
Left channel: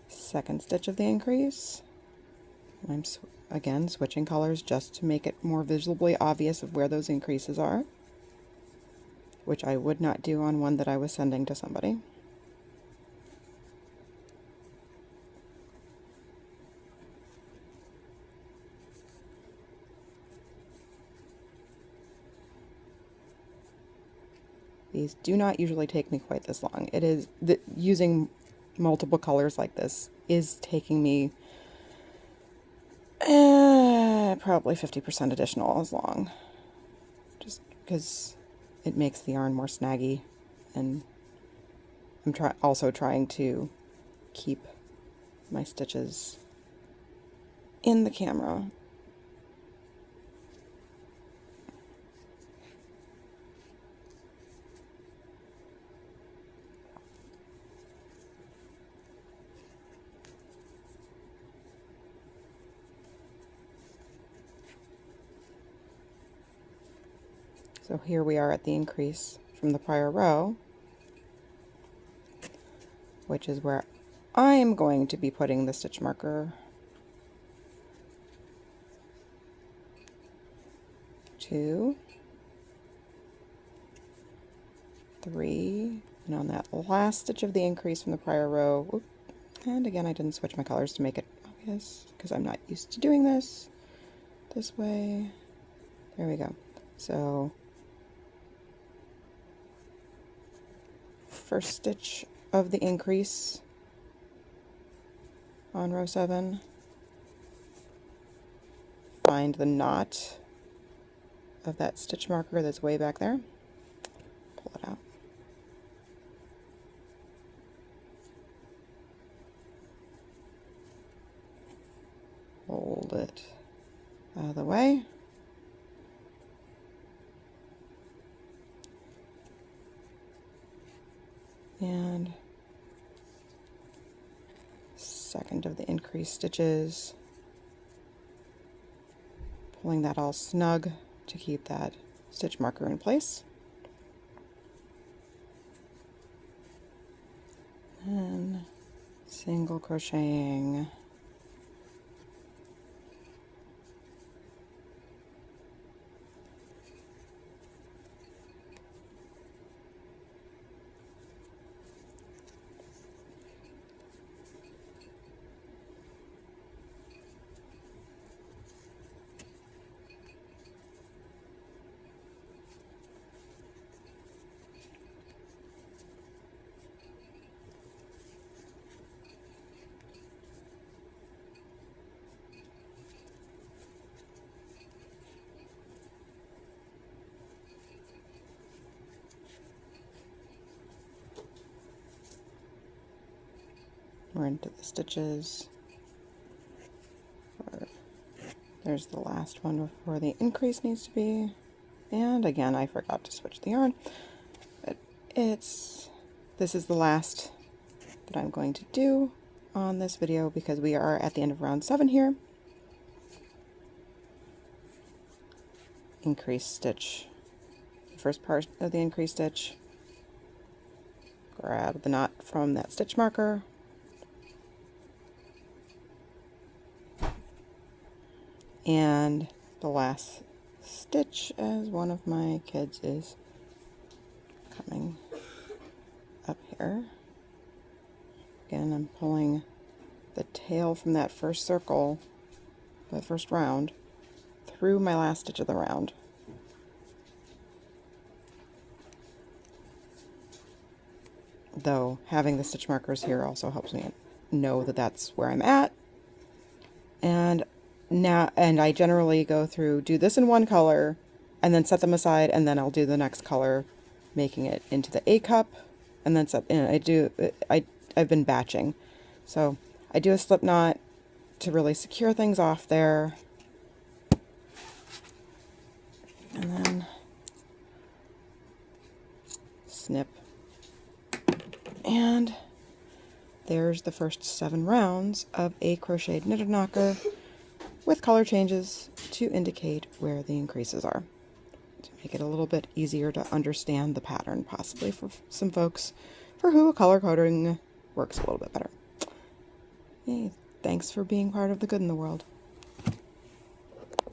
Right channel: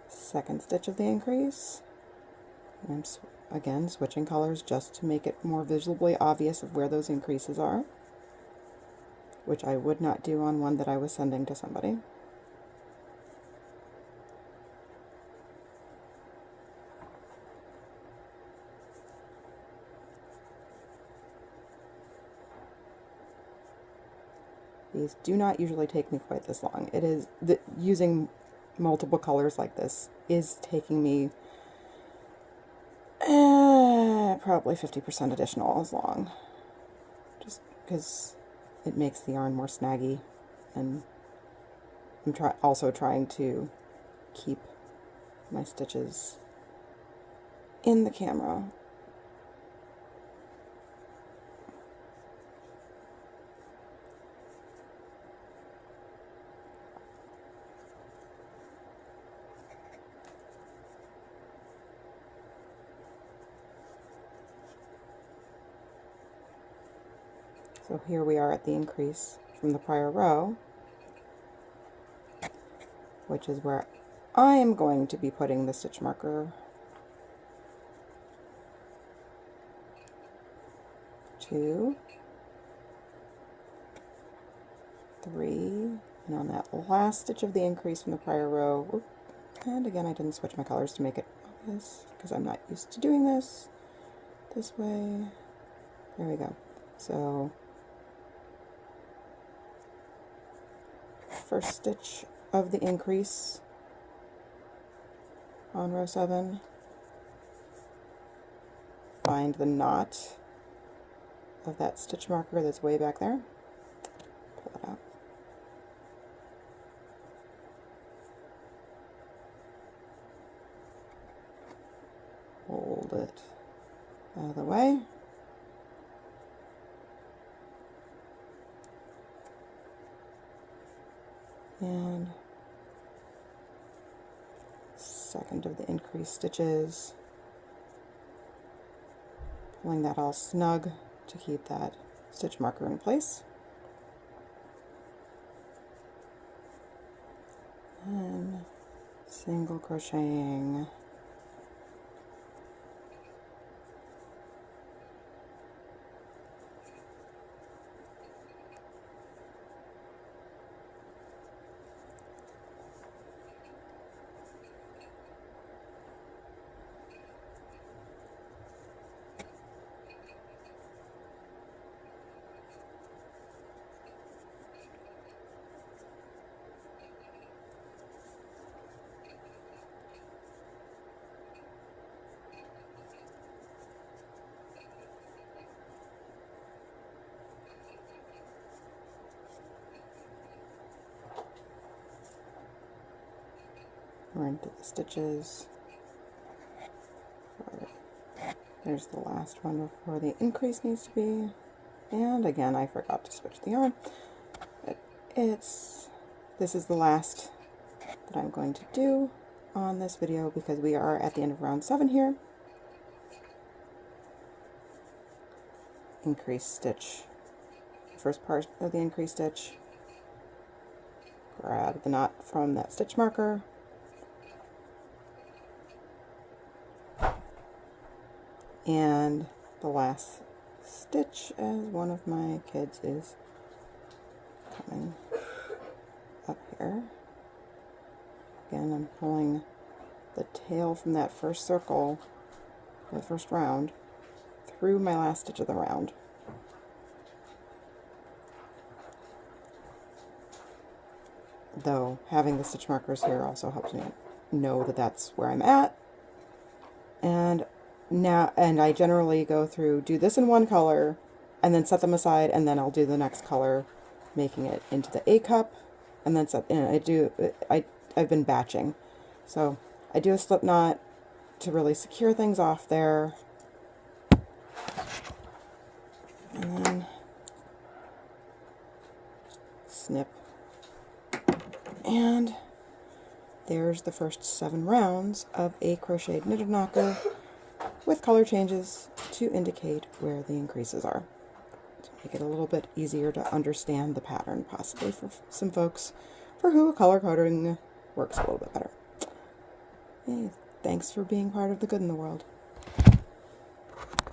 Second stitch of the increase. I'm again switching colors just to make it more visibly obvious of where those increases are, which I would not do on one that I was sending to somebody. These do not usually take me quite this long. It is using multiple colors like this is taking me probably 50% additional as long, just because it makes the yarn more snaggy, and I'm also trying to keep my stitches in the camera. So here we are at the increase from the prior row, which is where I am going to be putting the stitch marker. 2, 3, and on that last stitch of the increase from the prior row, And again, I didn't switch my colors to make it obvious because I'm not used to doing this way. There we go. So first stitch of the increase on row 7, find the knot of that stitch marker that's way back there, pull it out. Hold it out of the way. And second of the increased stitches, pulling that all snug to keep that stitch marker in place. And single crocheting we're into the stitches. There's the last one before the increase needs to be. And again, I forgot to switch the yarn. But this is the last that I'm going to do on this video because we are at the end of round 7 here. Increase stitch, the first part of the increase stitch. Grab the knot from that stitch marker. And the last stitch as one of my kids is coming up here. Again, I'm pulling the tail from that first circle, the first round, through my last stitch of the round. Though having the stitch markers here also helps me know that that's where I'm at. And I generally go through, do this in one color, and then set them aside, and then I'll do the next color, making it into the A cup, and then set. And I've been batching, so I do a slip knot to really secure things off there, and then snip, and there's the first 7 rounds of a crocheted knitted knocker with color changes to indicate where the increases are, to make it a little bit easier to understand the pattern, possibly for some folks for who color coding works a little bit better. Hey, thanks for being part of the good in the world.